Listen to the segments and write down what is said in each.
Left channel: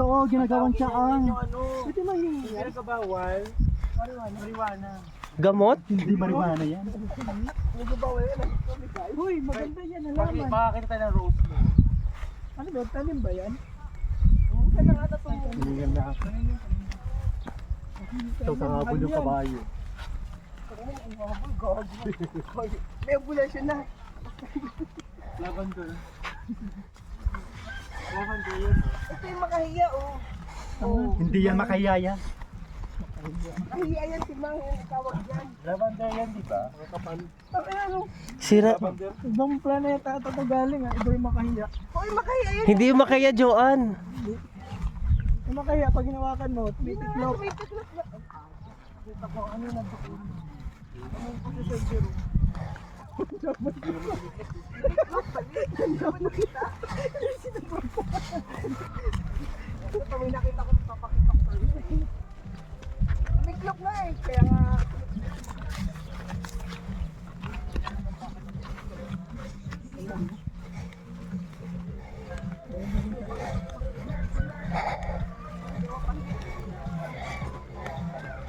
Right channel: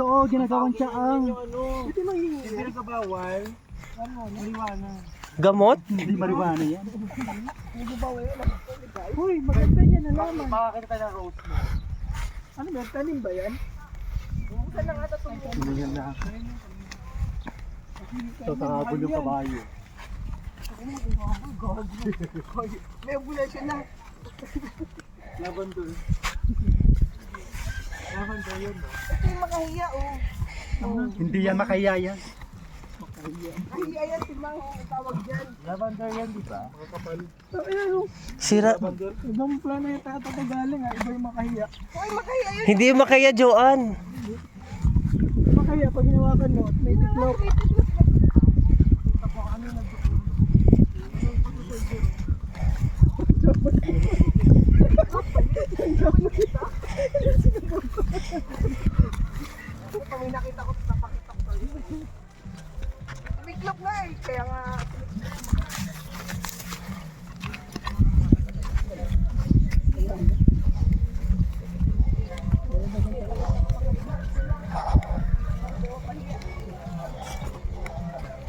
Ito oh, ginagawang tsaang. Hindi mahingi yan. Hindi kabawal. Marijuana. Gamot? Hindi marijuana yan. Hindi bawal yan. Uy, maganda yan alaman. Makakita tayo ng rose mo. Ano ba, tanim ba yan? Saan na nga ito? Hindi yan na. Ito kahapon yung kabayo. May ambulation na. Lavender. Lavender yun. Ito yung makahiya oh. Hindi yan makayaya. Makahiya yan si Mang. Tawag dyan. Lavender yan di ba? Makakapal. Ayan o. Sira. Ibang plano yung tatagaling ha. Iba yung makahiya. Hoy, makahiya yun. Hindi makaya, Joan. Yung makahiya, pag hinawakan mo, may tiklop. Ito may nakita ko sa pakitak ko. Tumiklop na eh. Kaya nga.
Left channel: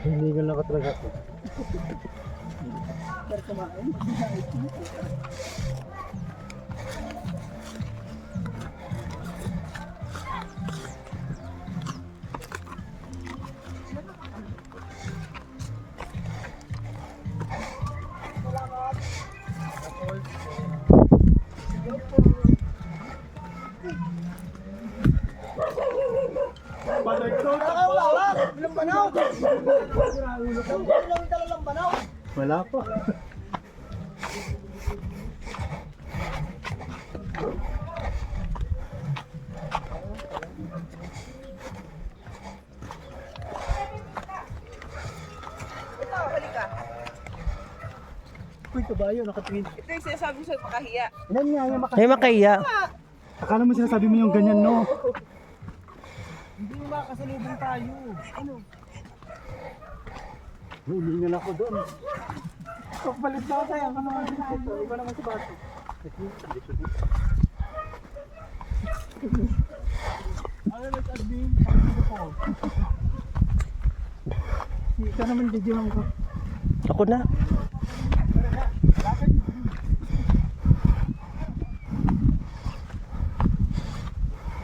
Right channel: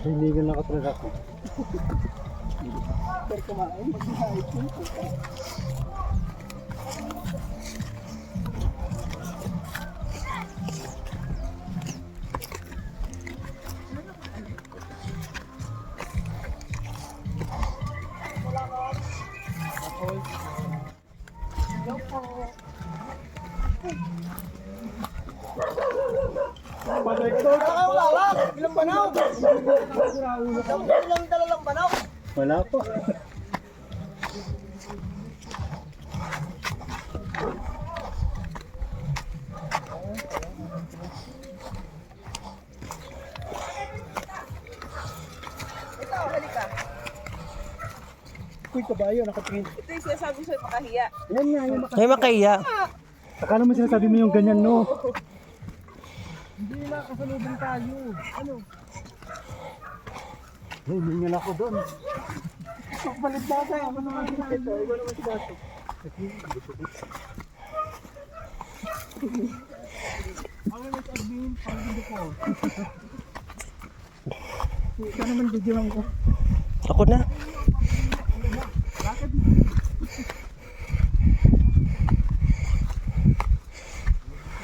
Hinigal na ka talaga ako. Pero kumain, pag hinaayos mo. Ilang banaw? Ilang dalalang banaw? Wala pa. Ito, halika. Uy, kabayo, nakatingin. Ito yung sinasabi ko sa'yo makahiya. Yan nga, yung Ay, makaya. Akala mo sinasabi mo yung ganyan, no? Hindi makasalubong tayo. Ano? Hinigal ako doon. Pagpalit na tayo, ako naman sinakita. Ikaw naman si Baso. Ano na sa admin? Pag-video po. Ikaw naman video lang ko. Ako na.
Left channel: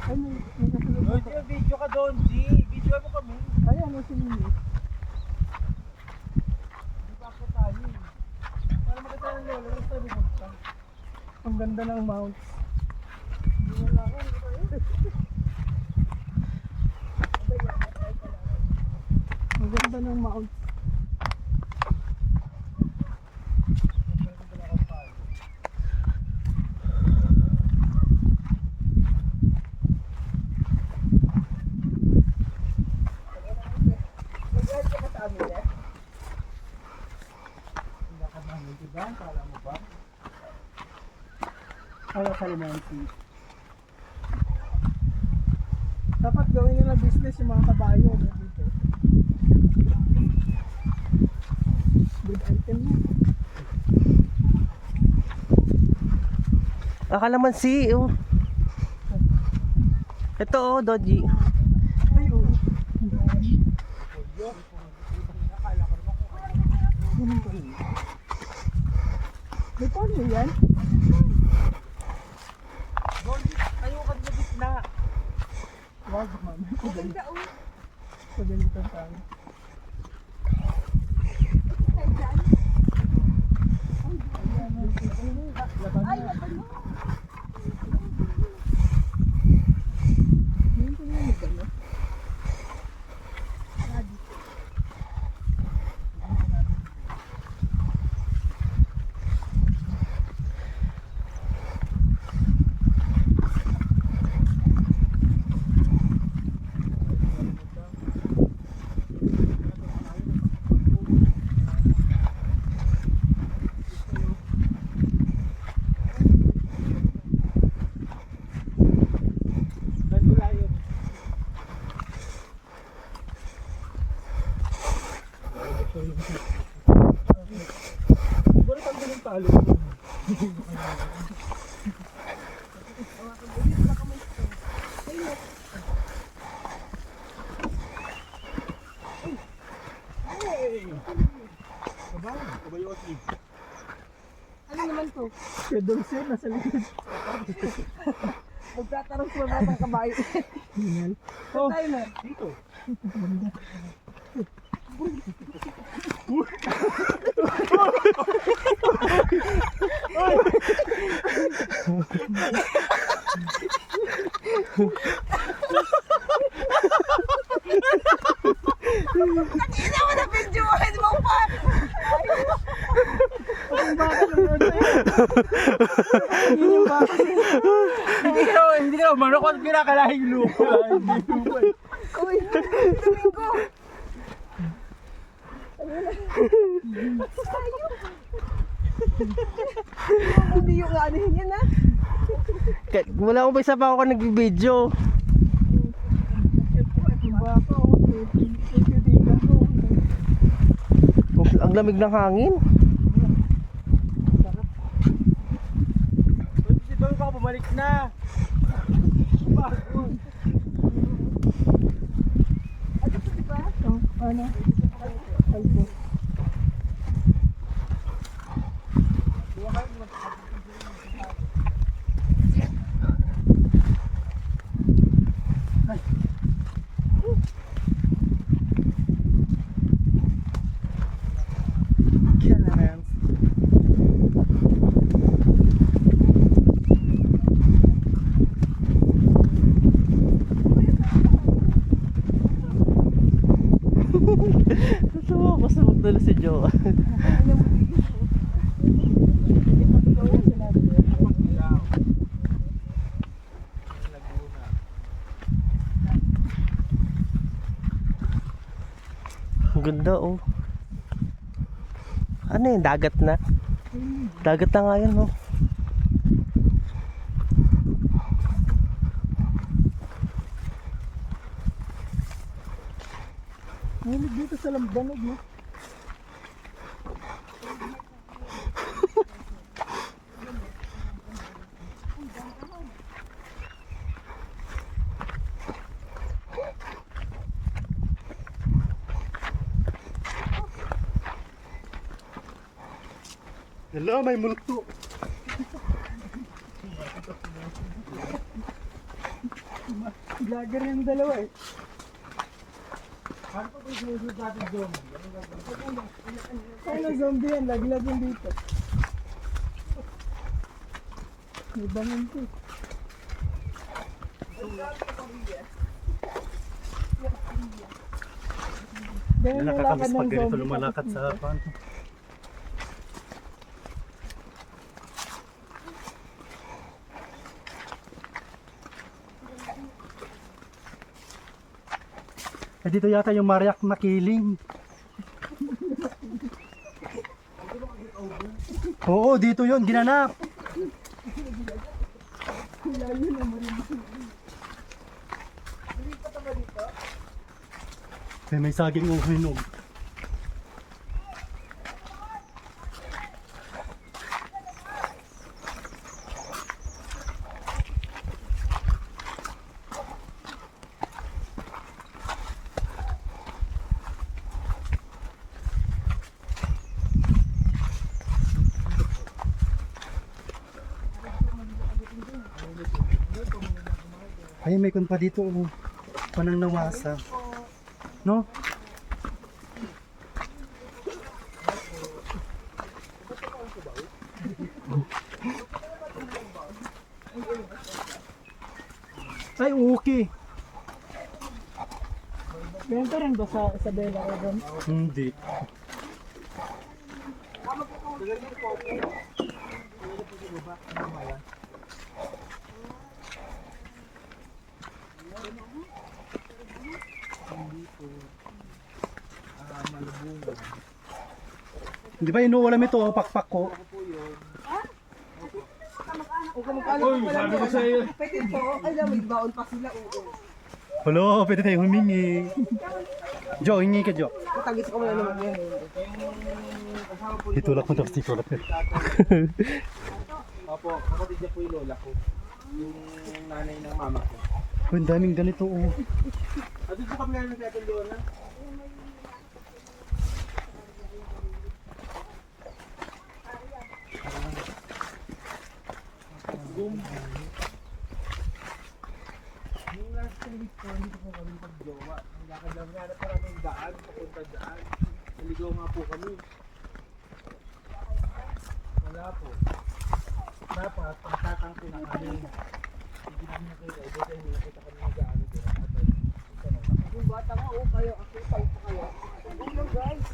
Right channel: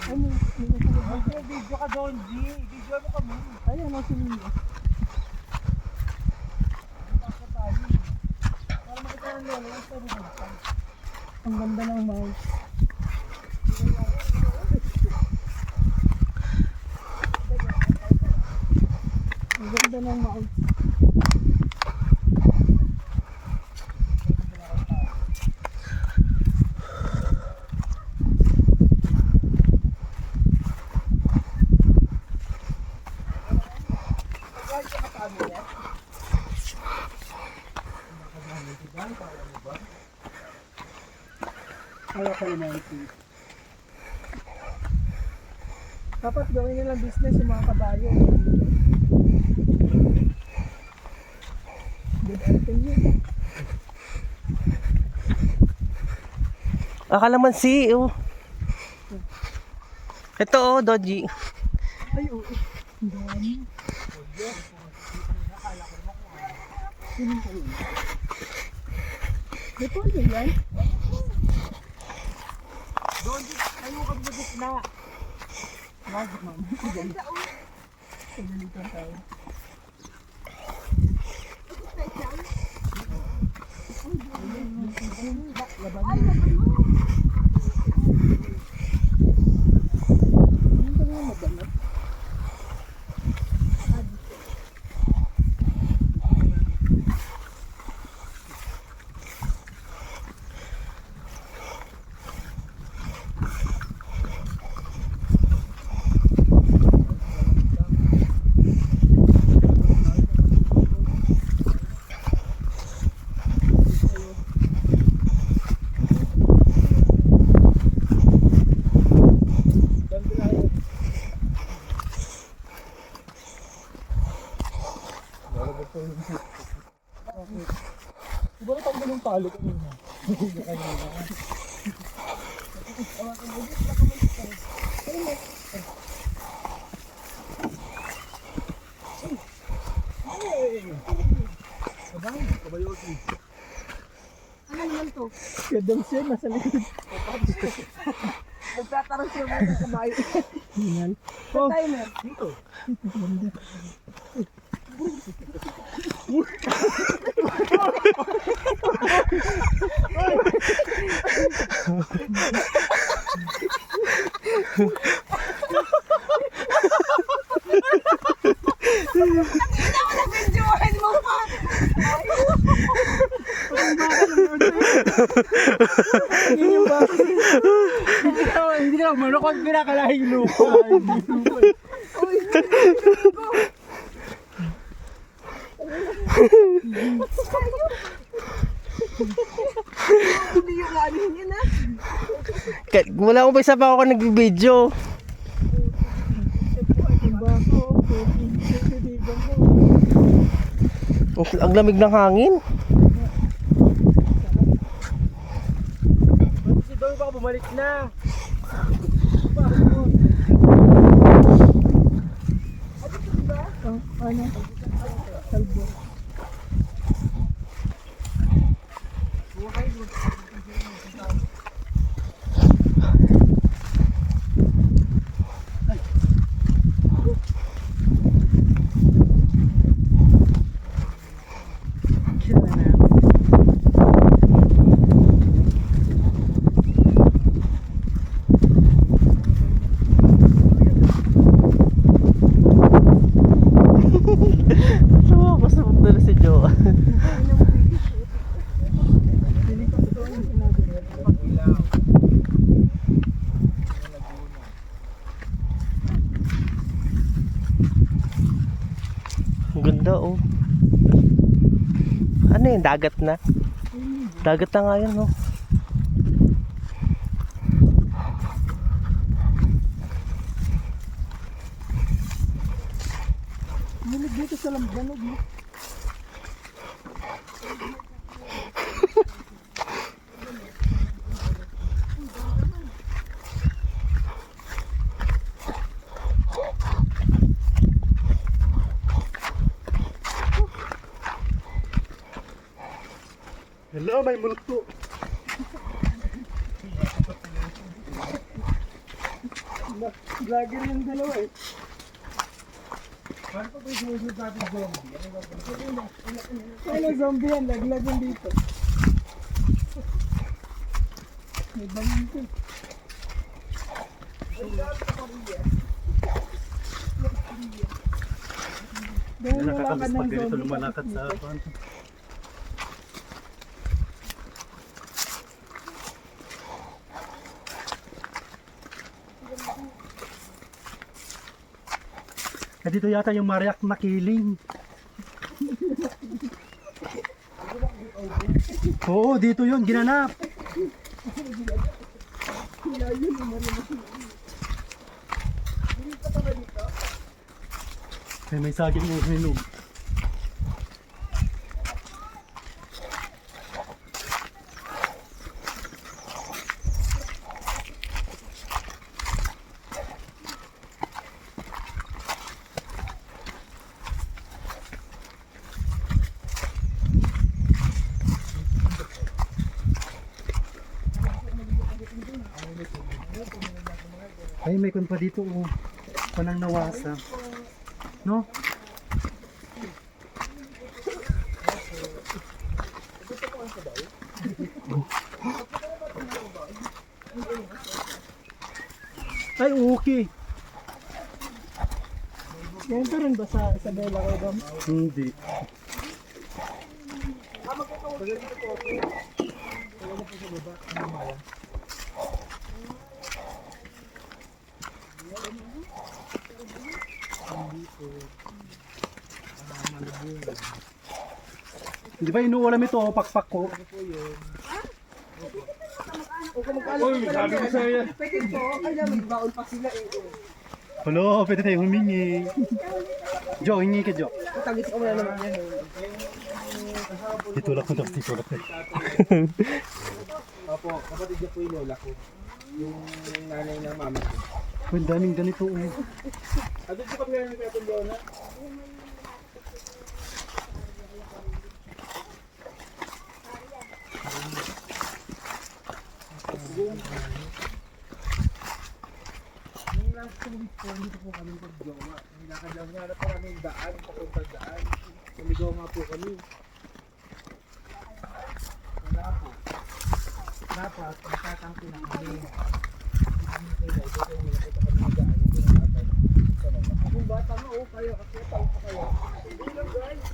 Ano? Video ka doon, G. Video mo kami. Ayan, ang sinino. Bakit tayo? Para makita ng lola, lang tayo bumagsak. Ang ganda ng mouse. Ang ganda ng mouse. Wala sa limansi. Dapat gawin nila business yung mga kabayo. Good item yun. Akala man si, oh. Ito, oh, Doji. Ay, oo. Ang dami. Ganun ka rin. May paano yan? Doon, tayo ka sa gitna. Wag man. Maganda oh. Pagalitan tayo. Ay, laban mo. Hindi ko naman madami. Siguro tanggal yung talo ko yun. Ano naman to? Kaya doon siya, nasa likod. Magtatarang siya ba ng kabayo? Hingal. Saan tayo na? Dito. Ganda. Videohan mo pa! Hindi na, manukot pinakalahing lupa. Uy! Hindi yung ano yun ah. Wala akong isa pa ako nag-video. Yung baka, oh. Titigan ko. Ang lamig ng hangin. Si Don pa bumalik na. Oh, ano? Kalbo. Natawa ako sa punta na si Joan. Ang ganda oh. Ano yun? Dagat na? Dagat na nga yun oh. Nginig dito sa lambanog, no? Hello, may multo. Vlogger yung dalawa eh. Paano pa yung susunod natin zombie? Ano zombie yan? Laglag yung dito. May bangon ko. Dahil Nakakamiss nilakad ng pag ganito zombie, lumalakad tapos sa dito. kanto. Eh dito yata yung Mariac Makiling. Oo, dito yun, ginanap. Eh, may saging mo hinog. Ay, may kun pa dito. Oh. Panang nawasa. No? Ay, okay. Ganito rin ba sa Isabela ko doon? Hindi. Di ba inuulam ito, oh, pakpak ko? Uy, sabi ko sa'yo. Pwede po, kaya may baon pa sila. Hello, pwede tayo humingi. Jo, hingi ka, Jo. Tagis ko muna naman yan. Itulak mo tapos itulak mo. Opo, kapatid niya po yung lola ko. Yung nanay ng mama ko. Ang daming ganito, oh. Doon po kami nga nagkatulyo na. dun. Yung last week po, hindi po kami pag-jowa. Nilakad lang nga na parang daan, papunta daan. Naligaw nga po kami. Wala po. Dapat, magtatangko na kami. Hindi namin nakita. Ito kayo, nakita kami na daan. Hindi na natin. Yung bata nga, kayo, ako, tayo pa kayo. Hello guys.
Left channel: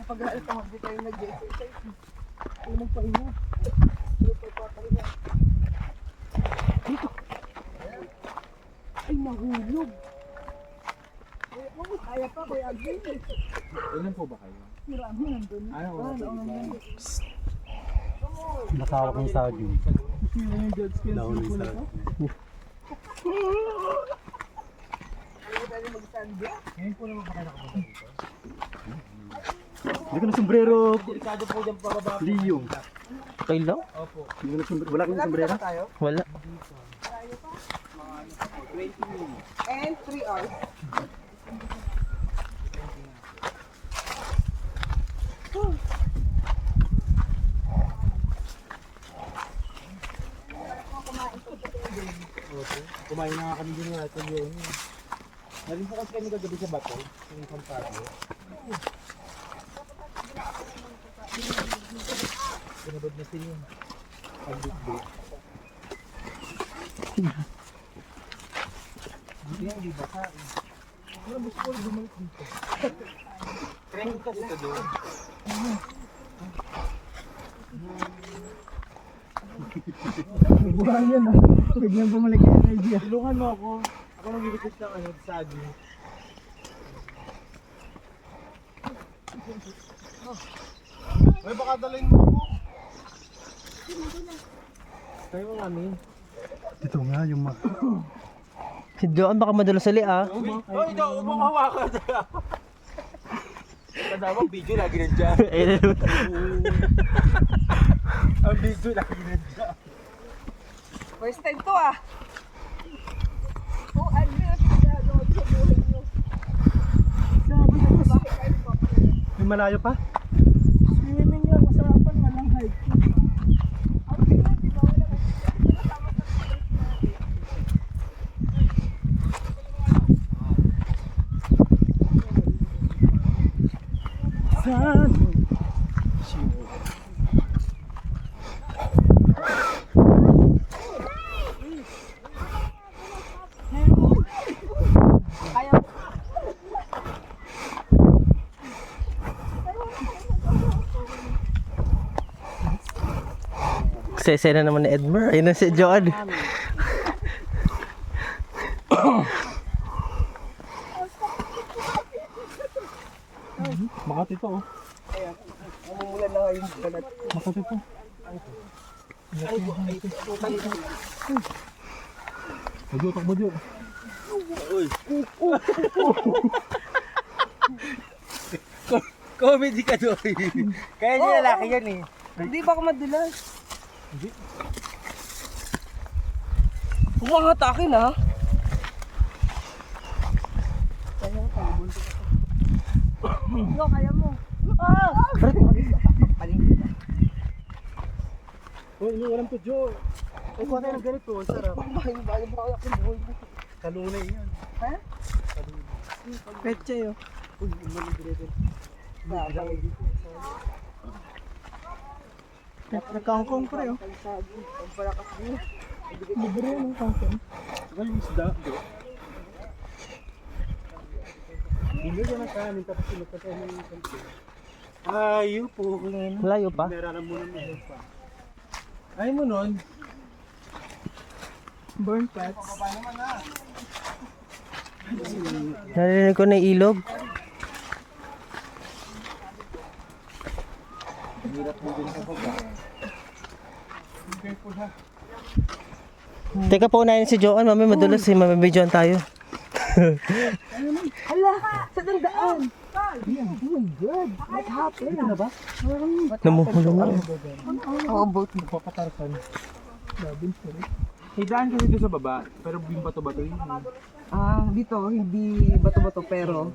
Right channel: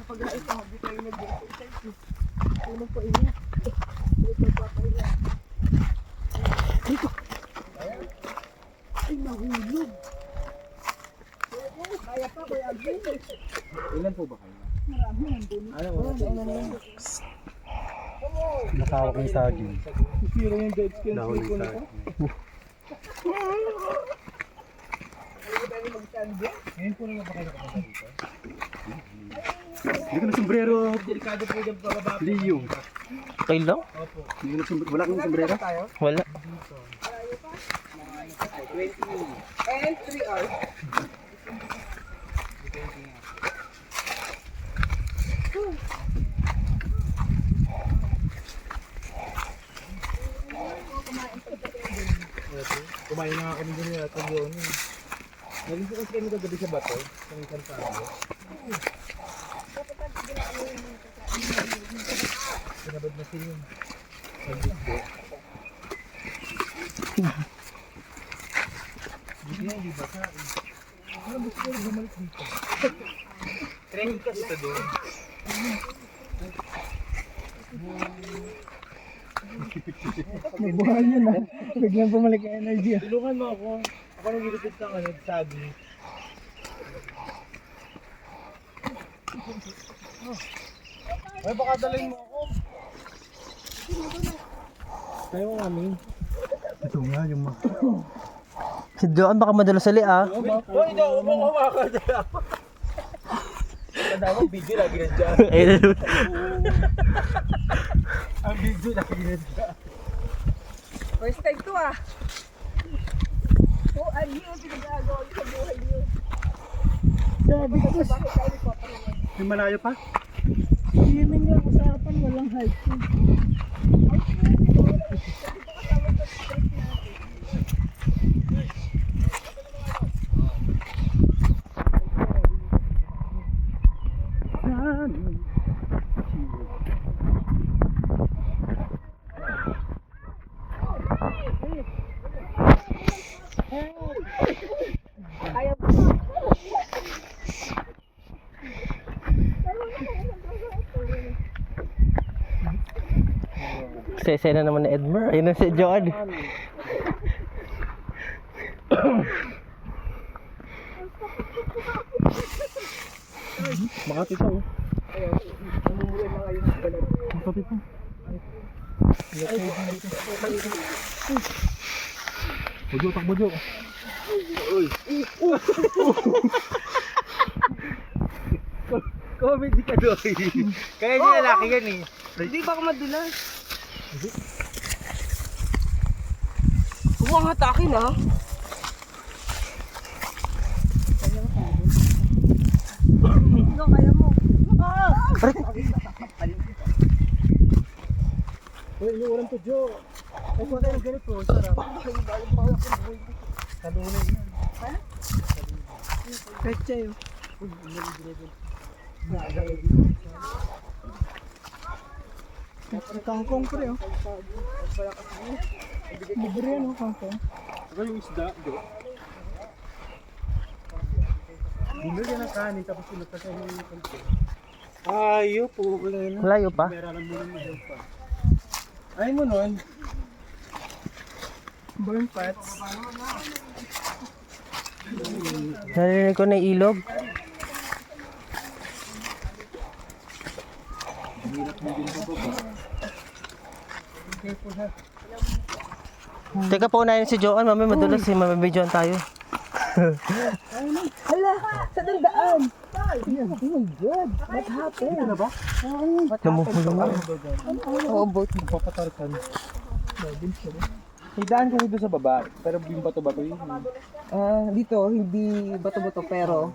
Kapag ito, hindi tayo nag-exercise. Tulog pa ina. Tulog pa ina. Dito. Ay, nahulog. Kaya pa, Kuya Agin. Ilan po ba kayo? Marami nandun. Ano? Nakawak ng saging. Sira yung dead skin. Dahon ng saging. Ngayon po naman ba kayo nakapunta dito? Hindi ko na sombrero. Delikado po dyan pababa. Liyong. Okay lang? Opo. Hindi ko na sombrero. Wala kang sombrero? Wala. And 3 hours. Kumain na nga kami din nila ito yun. Naging po kasi kami kagabi sa bato. Sa isang tao. Pinabad na siya yun. Pag-dikdo. Hindi nga, hindi baka. Ano gusto ko rin bumalik dito? Training ka dito doon. May buhay yan ah. Biglang bumalik yung energy ah. Tulungan mo ako. Ako nang gilipit ng ano, saging. Ay, baka dalhin mo ako. Tayo mo kami. Ito nga yung mga... Si Joan baka madalas sali ah. Oh, hindi ako makawakan na. Tanda mo, video lagi nandiyan. Ang video lagi nandiyan. First time to ah. Oh, ano yung pinagagawa sa buhay niyo? Sabi ko, May malayo pa? swimming lang, usapan, walang hiking. Saan? Kaya mo. Sesena naman ni Edmer. Ayun na si Joan. Makati to oh. Umulan na ngayon sa balat. Makati to. Mojo, tak mojo. Comedy ka doon. Kaya niya laki yan eh. Hindi baka madulas. Umangat akin ha. No, kaya mo. Uy, iniwalan to, Joe. Eh, kung tayo ng ganito, sarap. Talunay yan. Peche yun. Nagkangkong pre oh. Libre yan oh, kangkong. Saka yung isda, Joe. Binigyan ng kanin, tapos sinagkataw ng kanto. Ayaw po, kung Layo pa. meron mo naman pa. Ayaw mo nun? Burn pots. Narinig ko na yung ilog. Teka po, unahin si Joan. Mami, madulas eh. Mamibidyoan tayo. Hala, sa dandaan. Oh my God, what happened? Ano ba? Namuhulong na. Oo, boat. Papatarkan. Hidaan kasi doon sa baba, pero yung bato-bato yun. Ah, dito, hindi bato-bato pero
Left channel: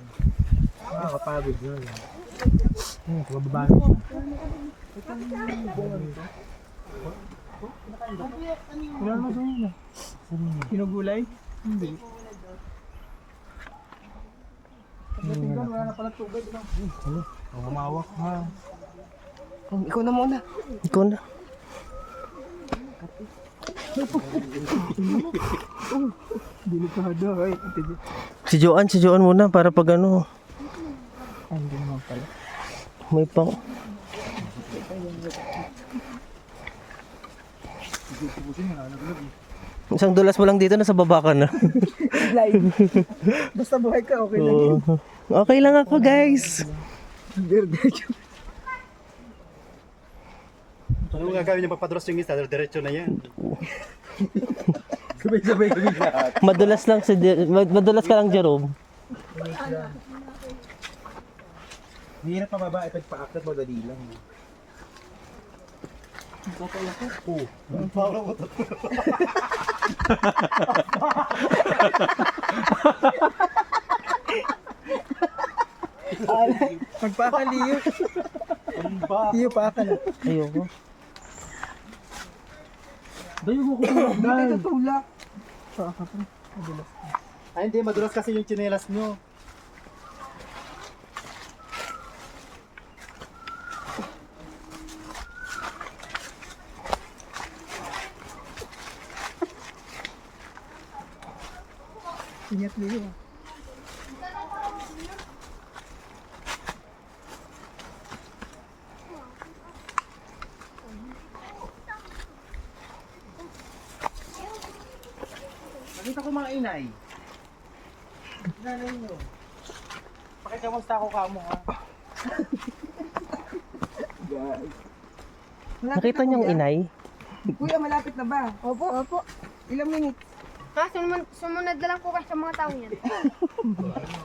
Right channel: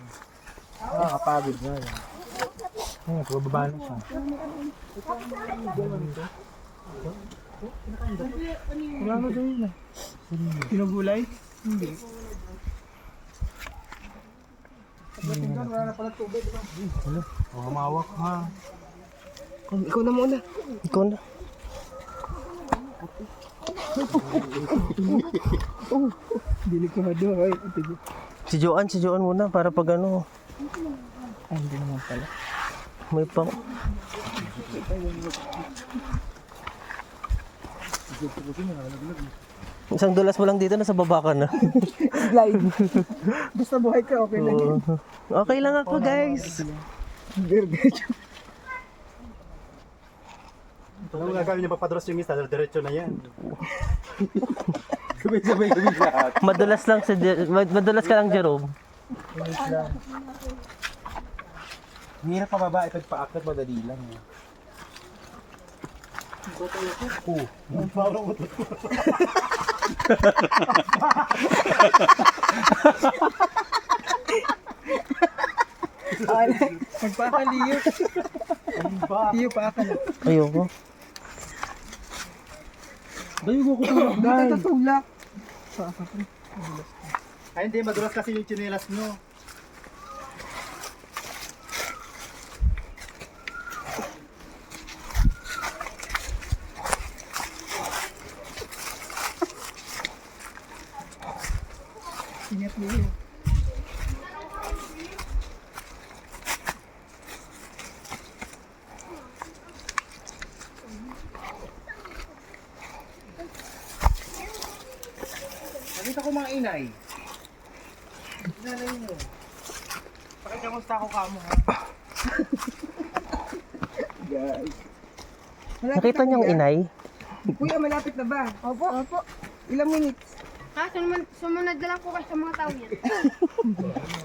Nakakapagod nga yan. Ayun, pababa na siya. Wala na daw yun ah. Pinagulay? Hindi. Pagdating doon, wala na pala tubig. Ano? Hamawak ha. Ikaw na muna. Ikaw na. Delikado ay. Si Joan muna para pag ano. Hindi naman pala. May pang... Isang dulas mo lang dito, nasa baba ka na. Slide. Basta buhay ka, okay lang. Oo. Okay lang ako, guys. Ano gagawin niya papadros yung isa? Diretso na yan. Sabay-sabay kami lahat. Madulas lang madulas ka lang, Jerome. Hirap pababa, ipagpa-akit madali lang. Magpakaliyo. Iyo pa ka na. Ayoko. Dayo ko tulog Hindi tutulak. Ay hindi, madulas kasi yung tsinelas nyo. Ingat niyo. Nakita ko mga inay. Inanay nyo. Pakikamusta ako kamo ha. Guys. Nakita niyong inay? Kuya, malapit na ba? Opo. Opo. Ilang minutes? Ha? Sumunod na lang po kayo sa mga tao niyan.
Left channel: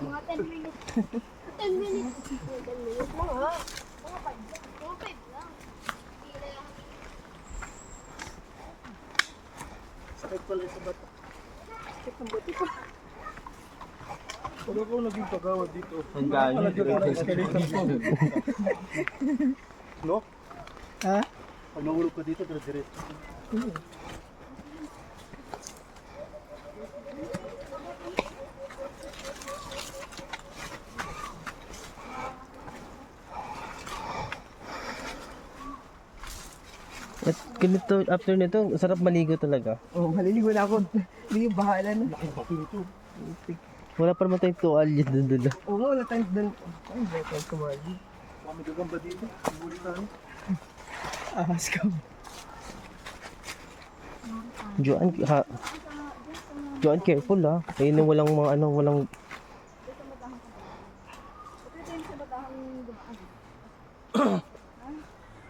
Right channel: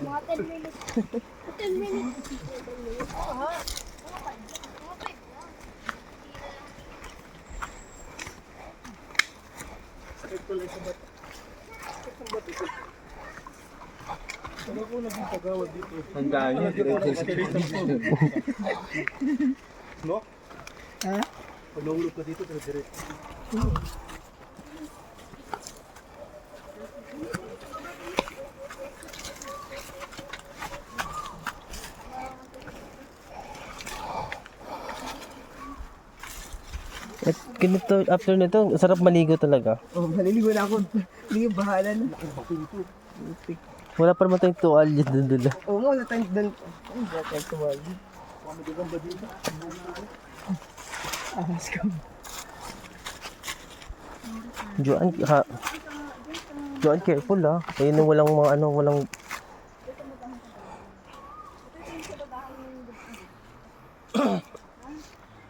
Mga 10 minutes. 10 minutes. 10 minutes. Oo ha. Mga 5 lang. Sakit pala sa bata. Sakit ang bata ko. Pag ako naging pagawad dito. Ang ganyan. No? Ha? Pag nahulog ka dito, diretso. At ganito, after nito, sarap maligo talaga. Oh, maliligo na ako. Hindi, bahala na. Wala pa naman tayong tuwalya doon doon. Oo nga, wala tayong doon. Ay, wala tayong tumali. Magagamba dito. Ahas ka. Joan, careful ha. Ayun yung walang mga ano, walang...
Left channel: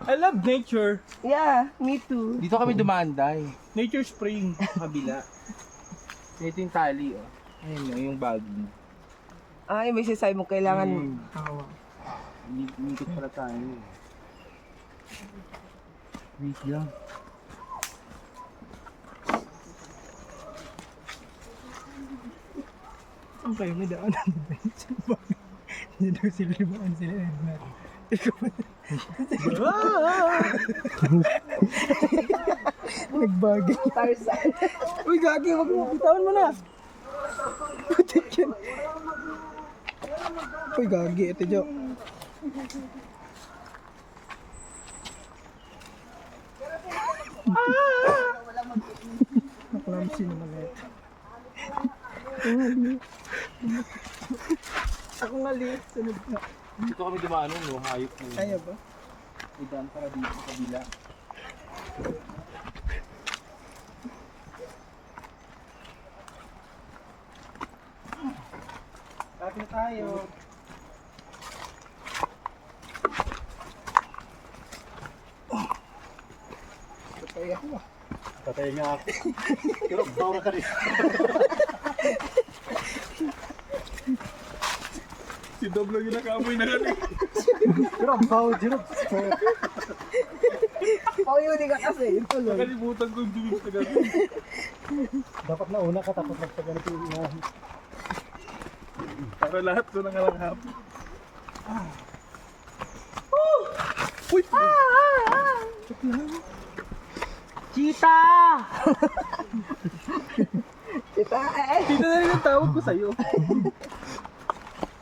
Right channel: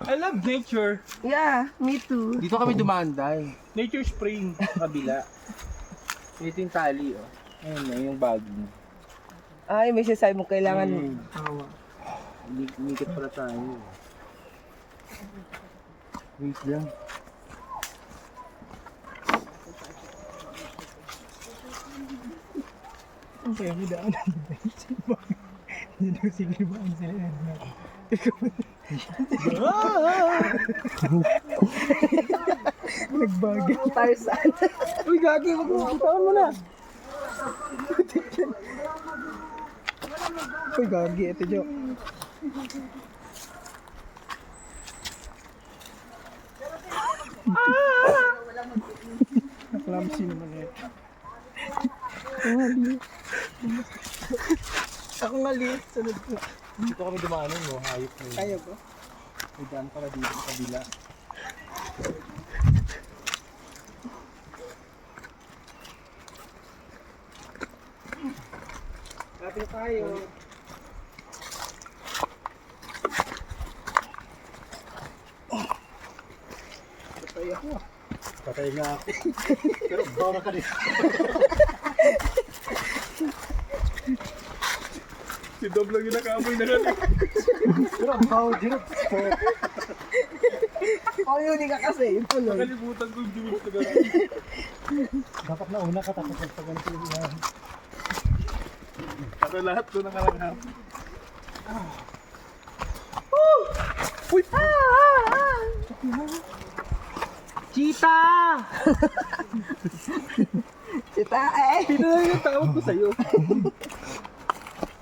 I love nature. Yeah, me too. Dito kami dumaanday. Nature Spring, kabila. Ito yung tali, oh. Ayun na, yung bagong. Ay, may sasabi mo kailangan. Tawa. Inikit pala tayo. Wait lang. Ang kayo, may daanan ba yun? Hindi daw sila libaan sila Edmar. Nagbagay. Tarzan. Uy, gagi, wag mo. Bitawan mo na. Putik yan. Uy, gagi. Ito, Jo. Naklamsi naman na ito. Ako nga liit. Sunod ka. Dito kami dumaan, no? Hayop na yun. Kaya ba? May daan pala dito sa kabila. Kapit tayo. Patay ako ah. Patay nga ako. Pero bawa ka rin. Si Dob lang yung nakamoy na lang. Pero ang bawa dito. Oh, yun ka kasi. Yung tuloy. Nakalimutan ko yung diwis na gabi. Dapat na una ka tapos sa ganito yung Para lahat ko nangalanghap. Cheetah! Kita eh. Dito na rin yung tawag ko sa'yo.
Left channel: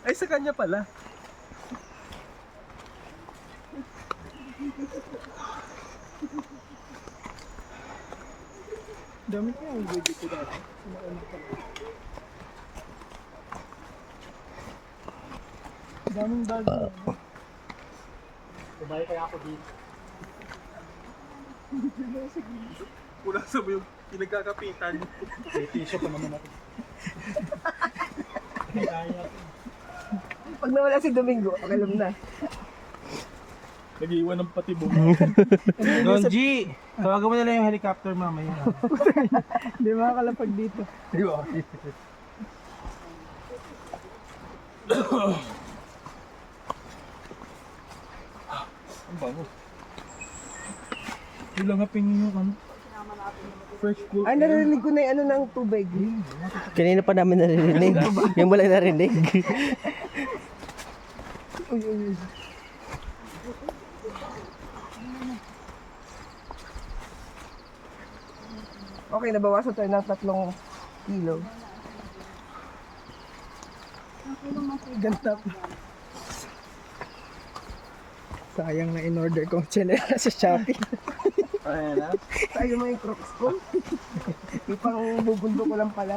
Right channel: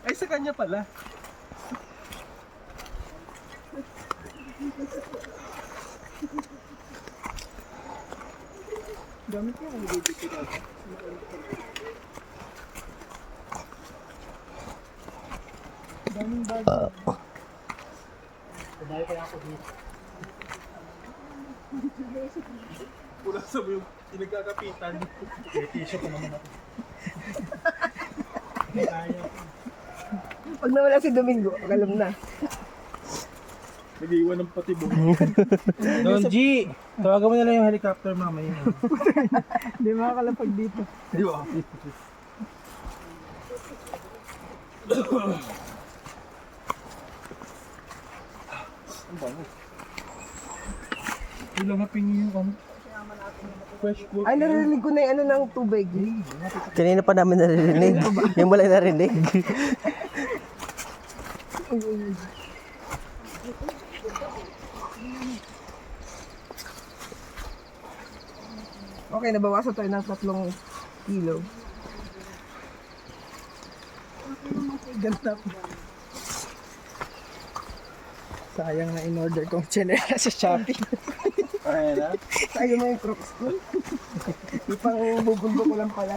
Ay, sa kanya pala. Dami ko yung video ko dati. Daming bag. Kumain kaya ako dito. Kulang sa mo yung pinagkakapitan. May tissue pa naman ako. Pag nawala si Domingo, pakalam na. Nag-iwan ng patibong. Don G! Tawagan mo na lang yung helicopter mamaya. Hindi makakalapag dito. Di ba? Ang bango. Ilang haping yung ano? Fresh cool. Ay, narinig ko na yung ano ng tubig. Kanina pa namin naririnig. Yung wala narinig. Uy, uy, uy. Okay, nabawasan tayo ng 3 kilo. Ganda pa. Sayang na in-order kong chanela sa Shopee. Ay na? Sayang mo yung crocs ko. Di pang bubundok ko lang pala.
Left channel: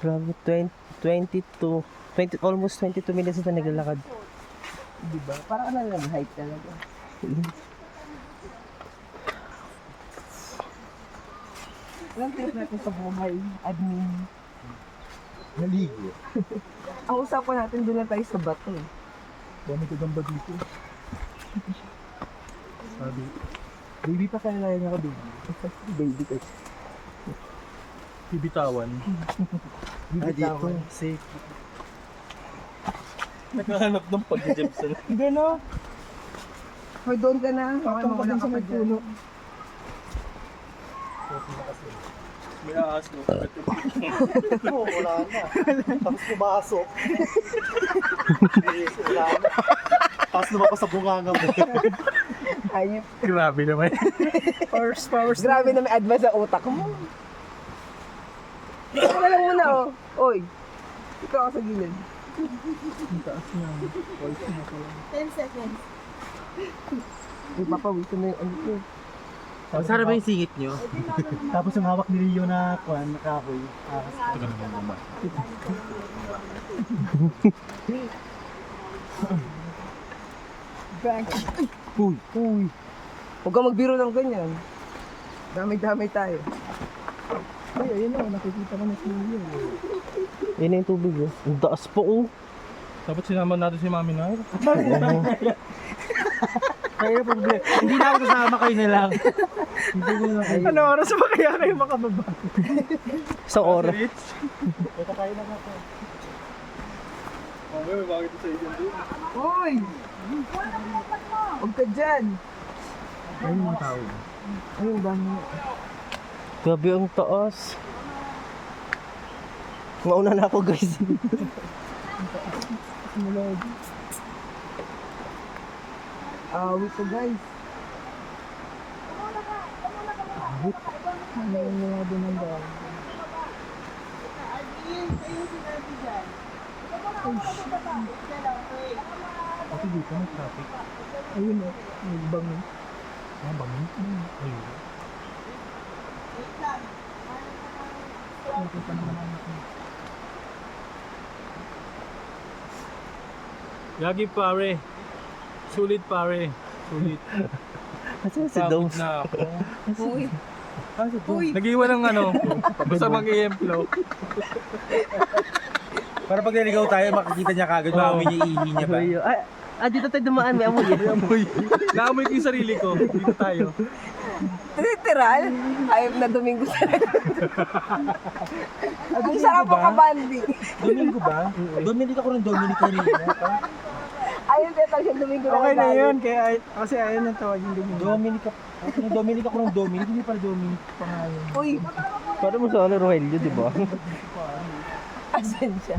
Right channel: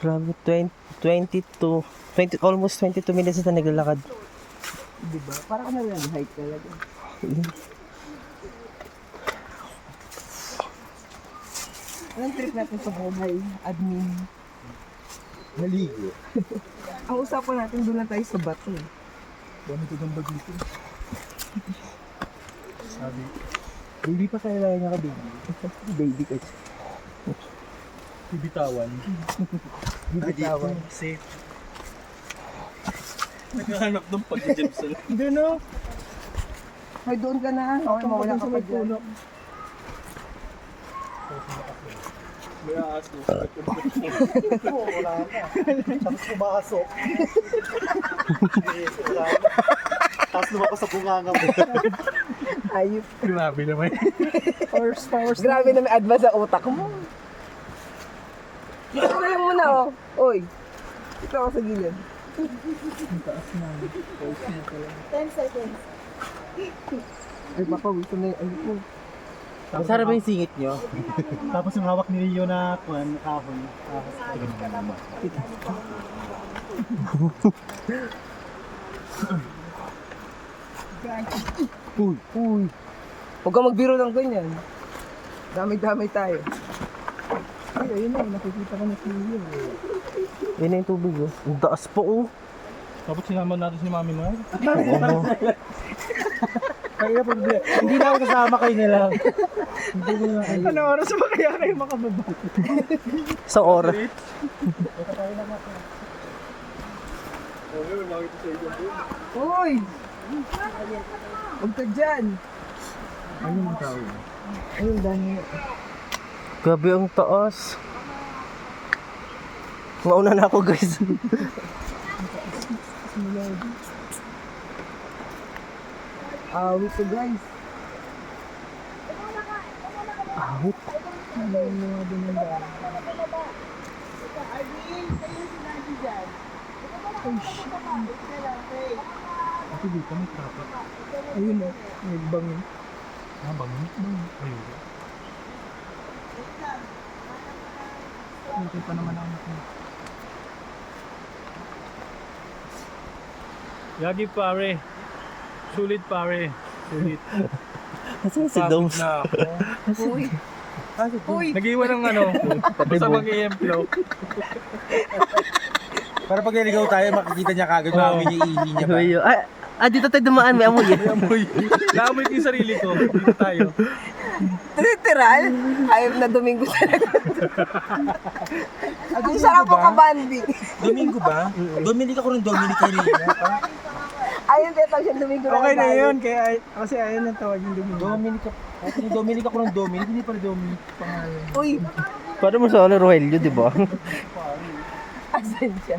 Grabe, 20, almost 22 minutes na naglalakad. Diba? Parang ano lang, height talaga. Anong trip natin sa buhay, admin? Naligo. Ang usapan natin, doon lang tayo sa bato eh. Dami ko gamba dito. Sabi, hindi pa kailangan niya ka baby. Baby ko. Bibitawan. Dito, safe. Naghahanap ng pag-jebson. Hindi no? May doon ka na. Okay, mawala ka pa dyan. May aas mo. Oo, wala na. Tapos pumasok. Wala na. Tapos lumabas sa bunganga mo. Ayop. Grabe naman. Grabe na may advance sa utak mo. Dito ka na lang muna oh. Oy. Dito ako sa gilid. 10 seconds. Ay, papawisan na yung ano ko. Masarap ba yung singit nyo? Tapos yung hawak ni Rio na kuwan, na kahoy. Ito ka naman naman. Uy. Uy. Huwag ka magbiro ng ganyan. Damay-damay tayo. Ay, ayun na. Nakikita ko na si Rio. Yun yung tubig oh. Ang taas po oh. Tapos sinama natin si Mami Noel. Oo. Kaya problema. Hindi na ako kasama kayo nila. Hindi ko na kayo. Ano oras ba kaya kayo makababa? Sa oras. Ito tayo na nga. Okay, may bakit sa iyo doon. Uy! Huwag ka dyan. Ayun yung tao. Ayun, dami. Grabe ang taas. Mauna na ako guys. Awit ko guys. Awit? Ano yung mga doon ang dami? Kasi dito may traffic. Ayun o, may bango. Ah, bango? Ayun. Nakita naman natin. Yagi pare. Sulit pare. Sulit. Nasaan si Pagod Doms? na ako. Uy! Uy! Nag-iwan ng ano. Basta mag-i-emplo. Para pag naligaw tayo, makikita niya kagad. Mami niya, ihi niya ba? Dito tayo dumaan, may amoy eh. Amoy. Naamoy ko yung sarili ko. Dito tayo. Literal? Ayaw na Domingo talaga. Ang sarap ba? ako kabandi. Domingo ba? Dominic ako ng Dominic kanina. Ayun, teta siya Domingo na Okay na tayo. yun, kaya kasi ayun ang tawag yung Domingo. Dominic ako ng Dominic, hindi pala Dominic pangalan. Uy! Paano mo sa Rogelio, di ba? Asan siya?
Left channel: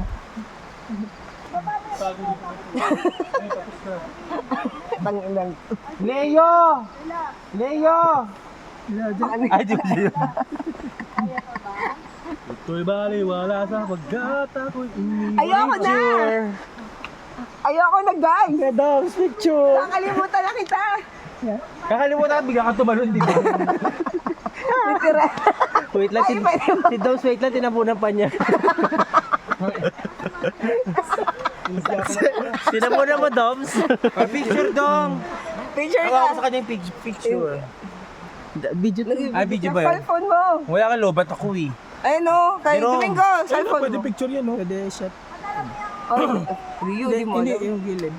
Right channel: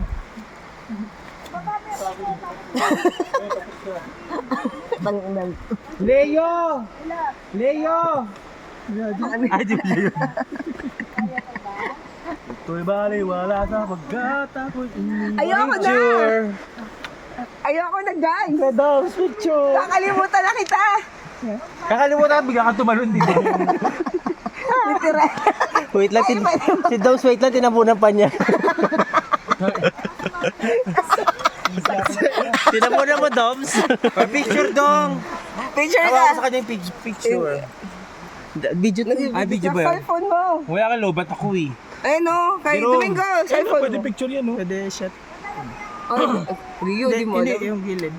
Tanginang. Leo! Leo! Ay, di ba? Ito'y baliwala sa pagkat ako'y Ayoko na! Ayoko na, guys! Doms, picture! Kakalimutan na kita! Kakalimutan ka, bigla ka tumalon, di ba? Literal. Wait lang, si Doms, wait lang, tinapunan pa niya. Tinapunan mo, Doms. Picture dong! Picture Hawa ko na! sa kanya yung picture. Video to. Ay, video ba yun? Cellphone mo! Wala ka lobat ako eh. Ayun o, kay Pero- Domingo, cellphone Pwede mo. picture yan, no? Pwede shot. Oh, Rio, di mo Hindi, alam. yung gilid.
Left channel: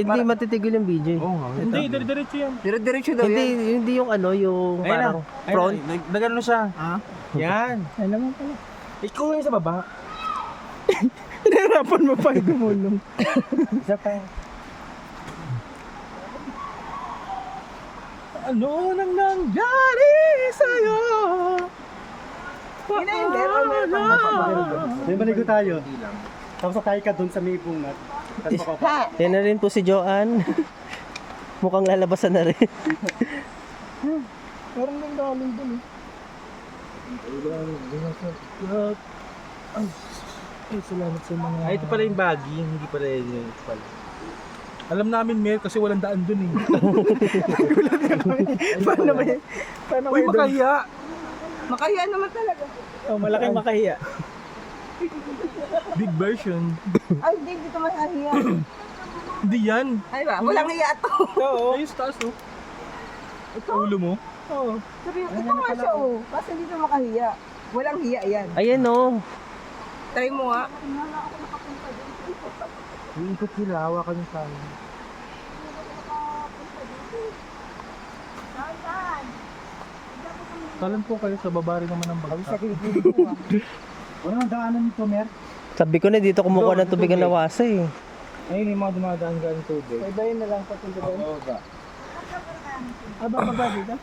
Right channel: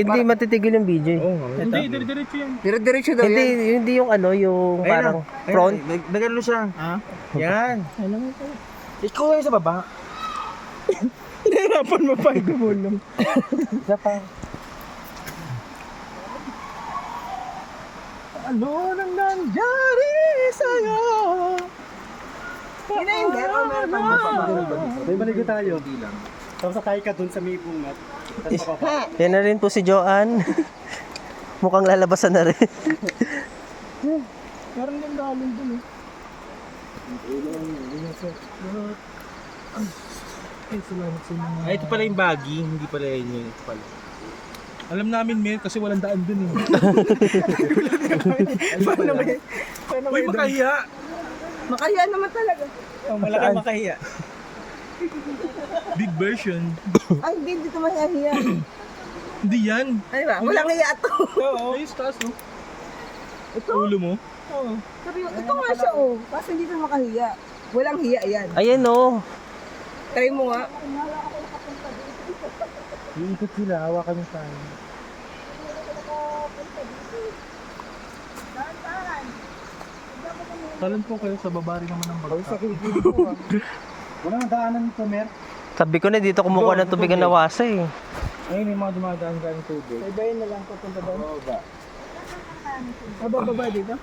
Hindi matitigil yung video. Oo nga. Hindi, dire-diretso yan. Dire-diretso daw Hindi, yan. hindi yung ano, yung parang front. Nagano siya. Ha? Yan. Ay naman pala. Ikaw yung sa baba. Nahirapan mo pa gumulong. Isa pa. Ano nang nangyari sa'yo? Hindi, hindi. May maligo tayo. Tapos sakay ka dun sa may bungat. Tapos papapa. Yan na rin po si Joanne. Mukhang lalabasan na rin. Meron din galing dun eh. Ay, salamat sa mga... Ay, ito pala yung baggy. Hindi pala yun yung ito pala. Alam namin, Mer, kasi walang daan dun eh. Paano ba yun? Paano Uy, makahiya! Makahiya naman talaga. Oh, malaking makahiya. Big version. Ay, hindi dito makahiya. Hindi yan. Ay ba? Walang hiya to. Oo. Ay, stars, no? Ito? Ulo mo. Oo. Seryo, ito nga siya oh. Kasi hindi na makahiya. Walang hiya yan. Ayan o. Try mo nga. Iikot sila, hawakan yung paano. Talan po kayo sa baba rin naman ng bagsak. Walang daanan nito, Mer. Sabi ko na dito kumukuha ng tubig ng nawasa eh. Ayun yung mga dumadaan galing tubig. Ibayin na lang papunta doon. Oo ba? Baba dito?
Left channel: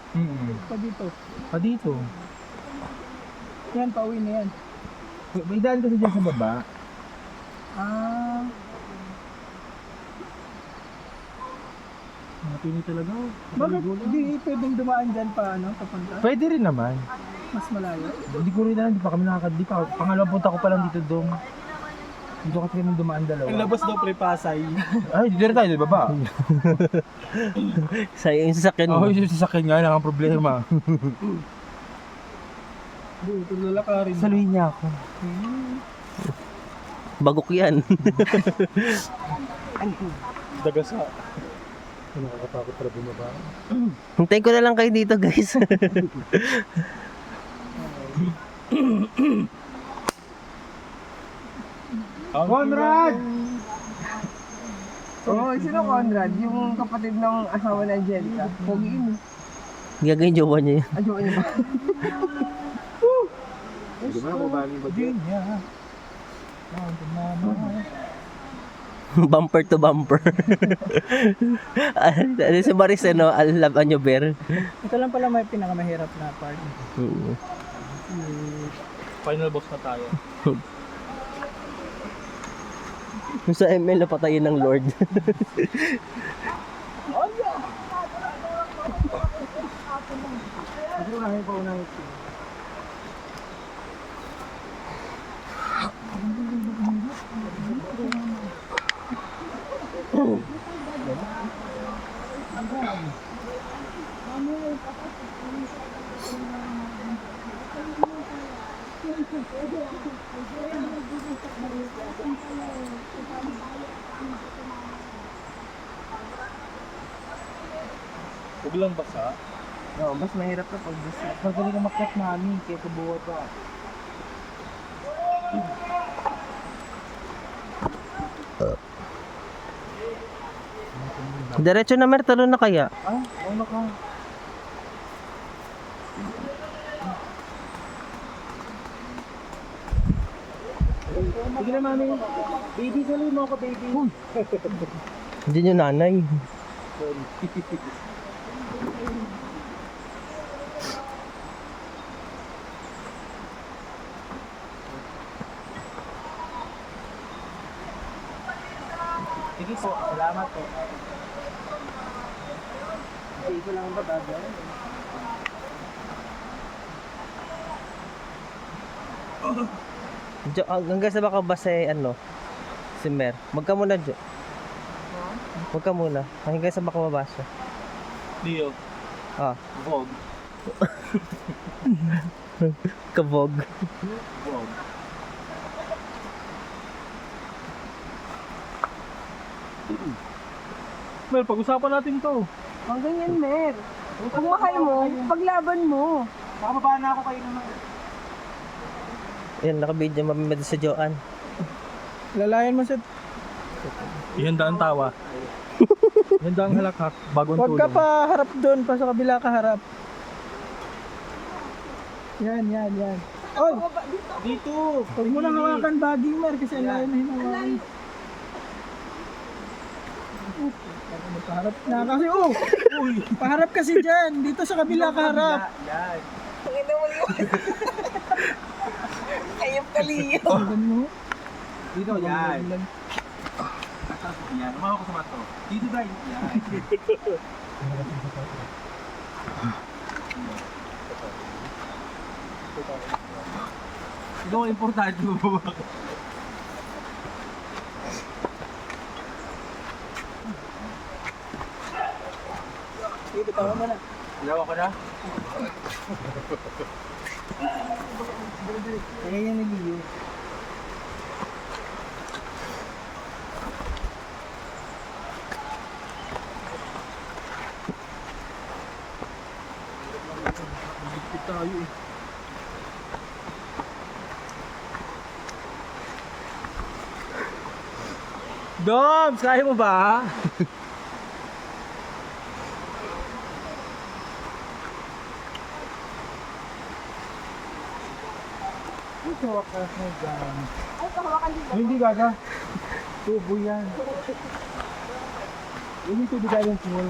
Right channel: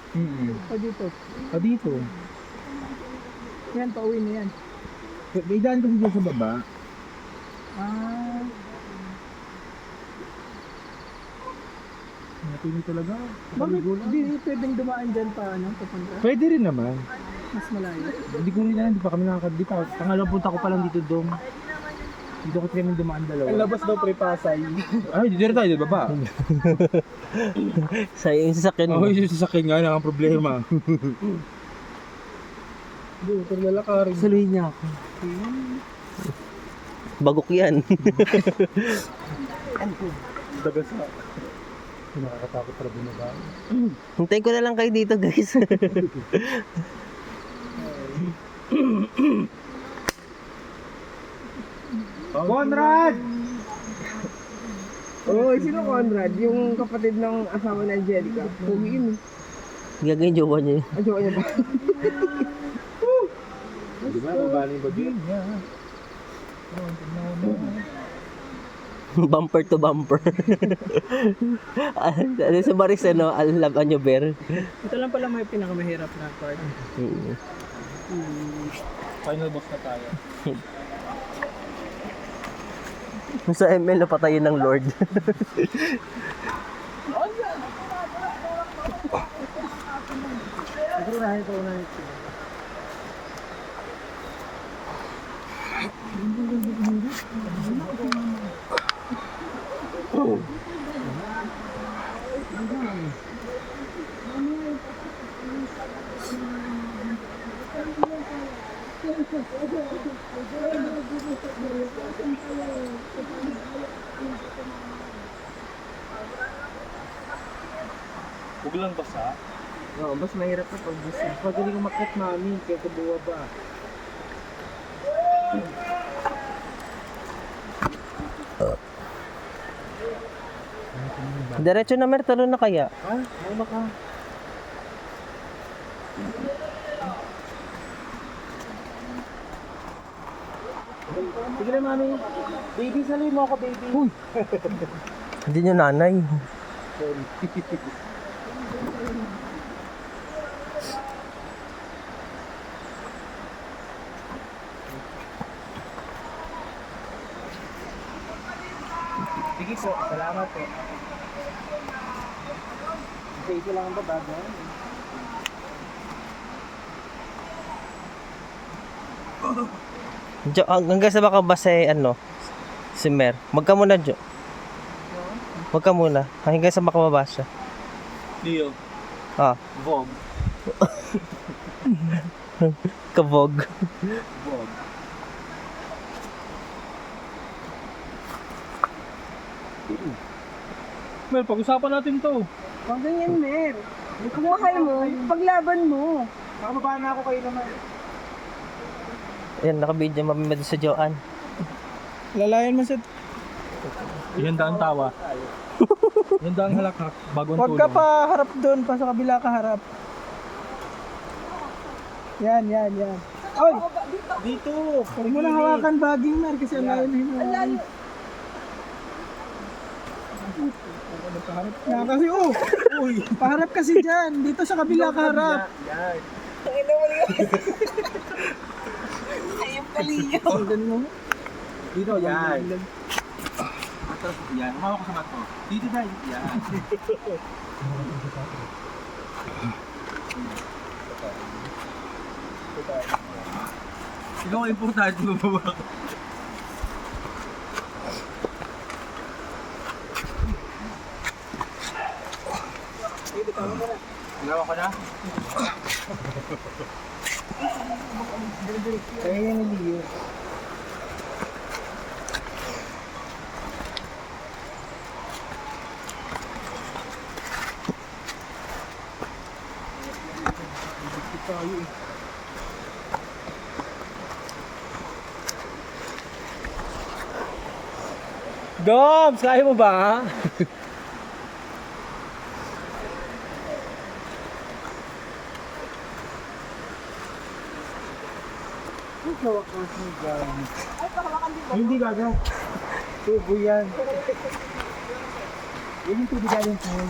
Pa dito. Pa dito. Yan, pauwi na yan. May daan kasi dyan sa baba. Ah. Napili talaga. Bakit hindi pwedeng dumaan dyan pa, ano, papunta? Pwede rin naman. Mas malayo. Hindi ko rin alam, hindi pa kami nakakadi pa. Pangalawang punta ko pa lang dito, Dom. Dito kasi kami dumaan dalawa. Ang labas daw pre-pasay. Ay, dito rin tayo, di ba ba? Sa yung sasakyan mo. Oo, yung sasakyan nga, lang ang problema. Hindi, ito lalakarin. Saluhin niya ako. Bagok yan. Dagasa. Nakakatakot pala bumaba. Hintayin ko na lang kayo dito guys. Conrad! Oh, sino Conrad? Yung kapatid ng asawa ni Angelica. Pogi yun. Gagawin jowa niya yun. Ang jowa niya ba? Di ba, mabali ba dyan? Bumper to bumper. Ano si Maris, ano, alam nyo, Ber? Ito lang pala may pinakamahirap na part. Final boss na tayo. Kung sa ML, napatayin ng Lord. Siguro nahin pa unahin siya. Huwag lang basa. Oo, mas mahirap na pag basta. Magaling ang makit mami, kaya kabuwa ba? Diretso na, Mer, talo na kaya. Ano ka? Sige na mami. Baby, saluhin mo ako, baby. Uy! Hindi nyo nanay. Sige po, salamat po. Ito lang ang babaga. Jo, hanggang sa baka ba ano? Si Mer. Magka muna, Jo. Magka muna. Hanggang sa makababa siya. Leo. Ah, Vog. kabog. Vog. Mel, pag-usapan natin to. Ang ganyan, Mer. Kung mahal mo, paglaban mo. Nakababa na ako kayo naman. Ayan, nakabidyo mamimad sa Joan. Lalayan mo sa... Ihanda ang tawa. Ihanda ang halakhak. Bagong tulong. Huwag ka pa harap doon, pa sa kabila ka harap. Yan. Oy! Dito. Huwag mo nang hawakan baging mer kasi ang layo na hinawakan. Paharap na kasi, Uy. paharap kasi dyan. Dito sa kabila ka harap. Yan. Ayop kaliyo. Sundan mo. Dito, yan. Yan. Umawa ko sa mato. Dito tayo. Yan. Ikaw ang importante mo ba? Ilawa ka na? Kaya yan naliyo. Doms, kaya mo ba? Hindi gaga. Tubo yan. Yun yung tubig galing pool.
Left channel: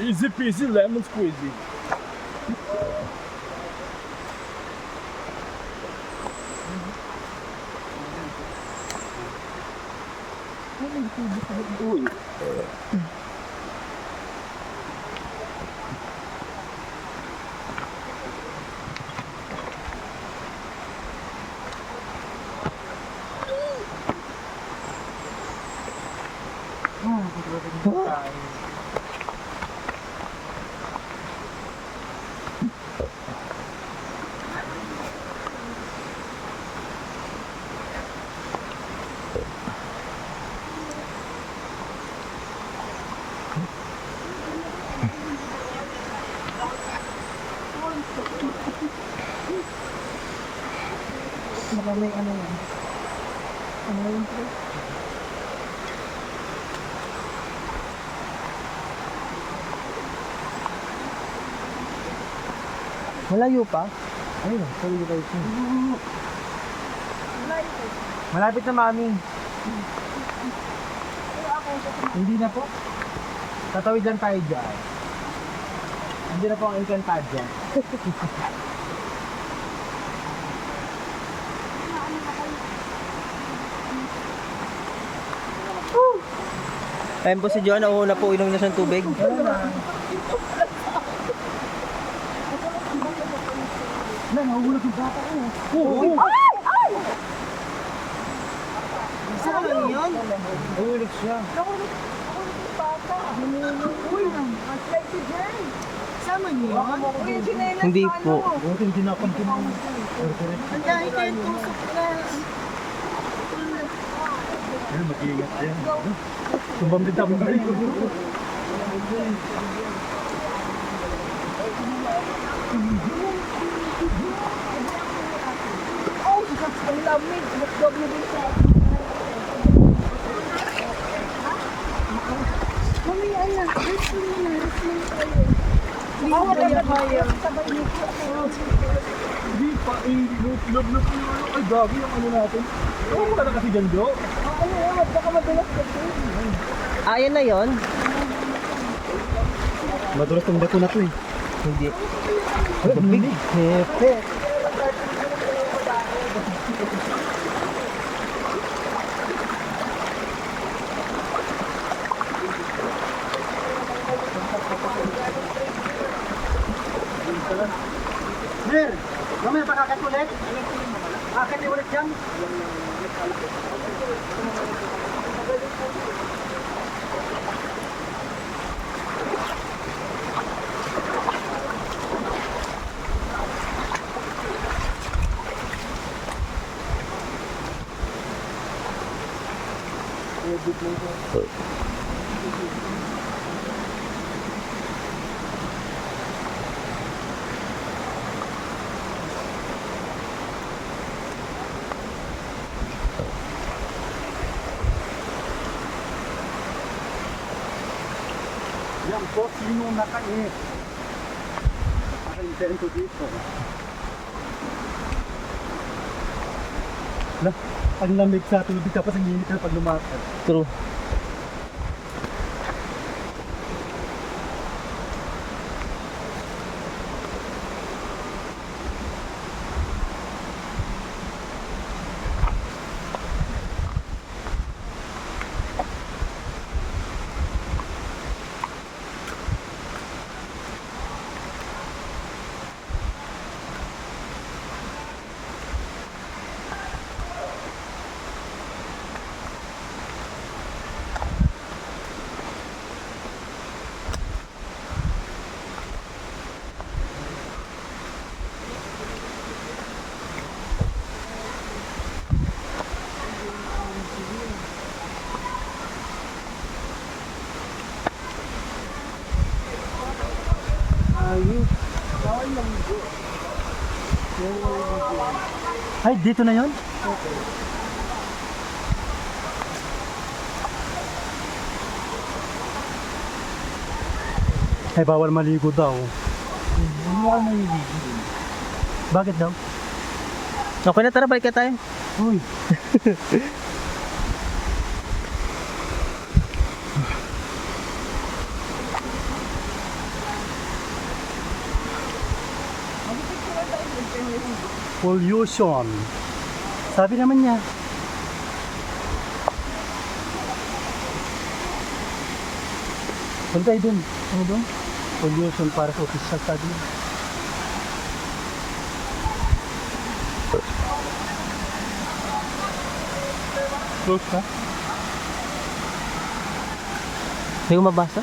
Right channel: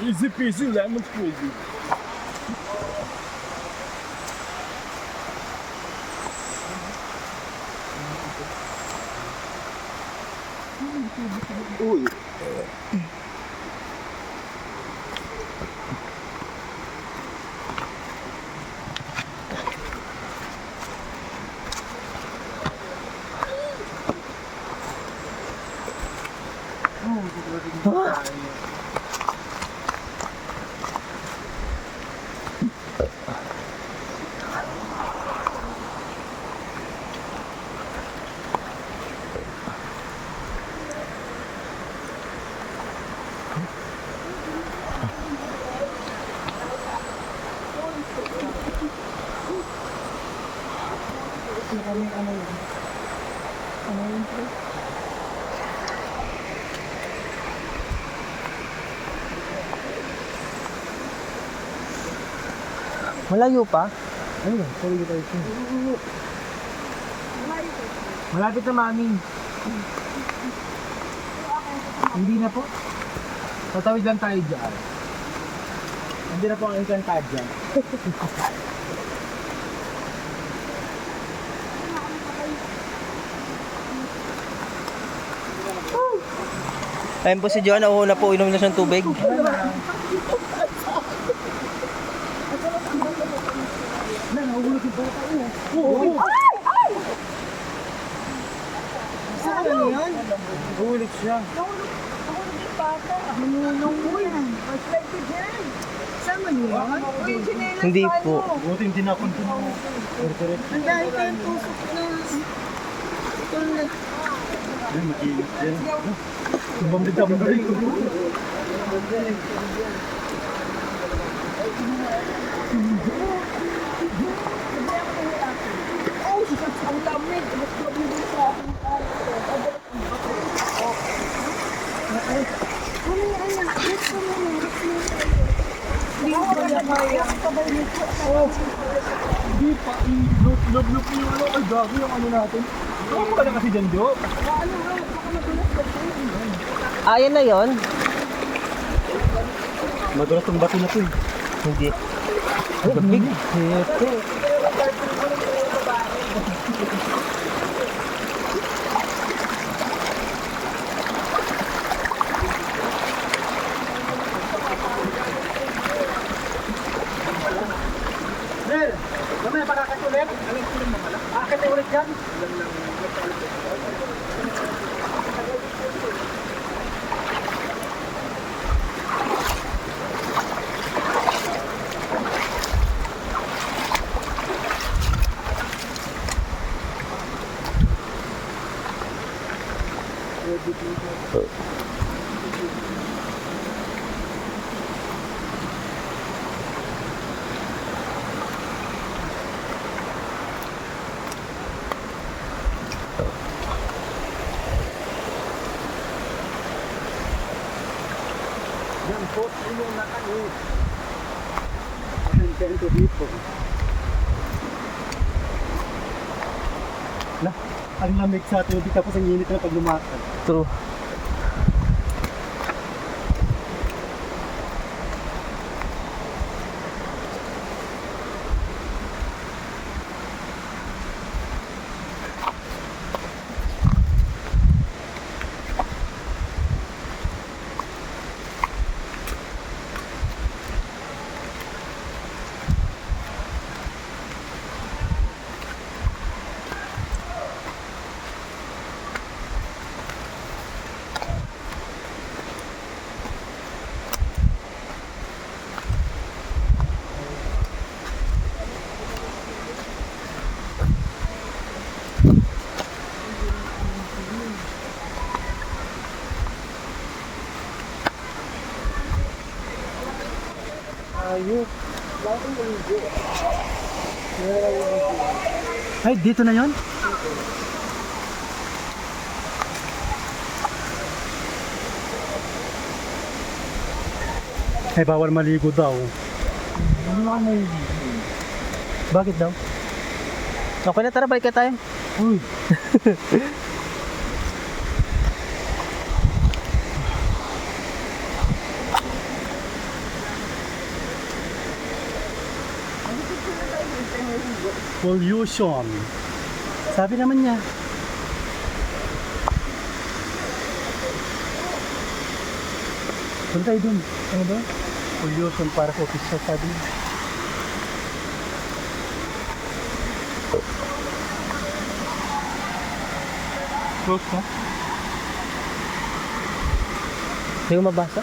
Easy peasy lemon squeezy. Uy. Maraming ano yan. Ano yun pre? Malayo pa? Ayun, sorry tayo. Malapit na mami. Hindi na po. Tatawid lang tayo dyan. Hindi na po ang Encantadia. Ayun po si Joan, nauuna po, inom na siyang tubig. Na, nahulog yung bata ko. Oo. Saan na yun? Nahulog siya. Uy, mag-slide ko dyan. Sama niyo yun? Uy, yung chinelas Hindi pa, po. ano? Buti hindi na konti mo. Ang dami tayong tusok na. Tulad. Yan, mag-iingat yan. Tumambit-tambay. Ang lamig. W sa Humiyan na. Gusto mo na. Reclaim tayo. Hindi ko kaya. Sabay nito. Hindi pa, look yung ano, ay gabi yung ano natin. Ano ka na kasi dyan, Jo? Baka madulas ka. Ayan na yon. Madulas tong bato na to eh. Hindi. Gabig. Hepe. Sir, mamaya pakakit ulit. Akit ulit yan. Yan po, sino na kayo? Ang intento dito. Na, ang lamig sa tubig tapos ang init na pag lumakad. True. Ay, dito na yon? Ay, bawal maligo daw. Bakit daw? Okay na, tara, balik ka tayo. Uy. Pollution. Sabi naman niya. Punta tayo dun. Ano dun? Pollution para sa official, sabi niya. Close ka? Hindi ko mabasa.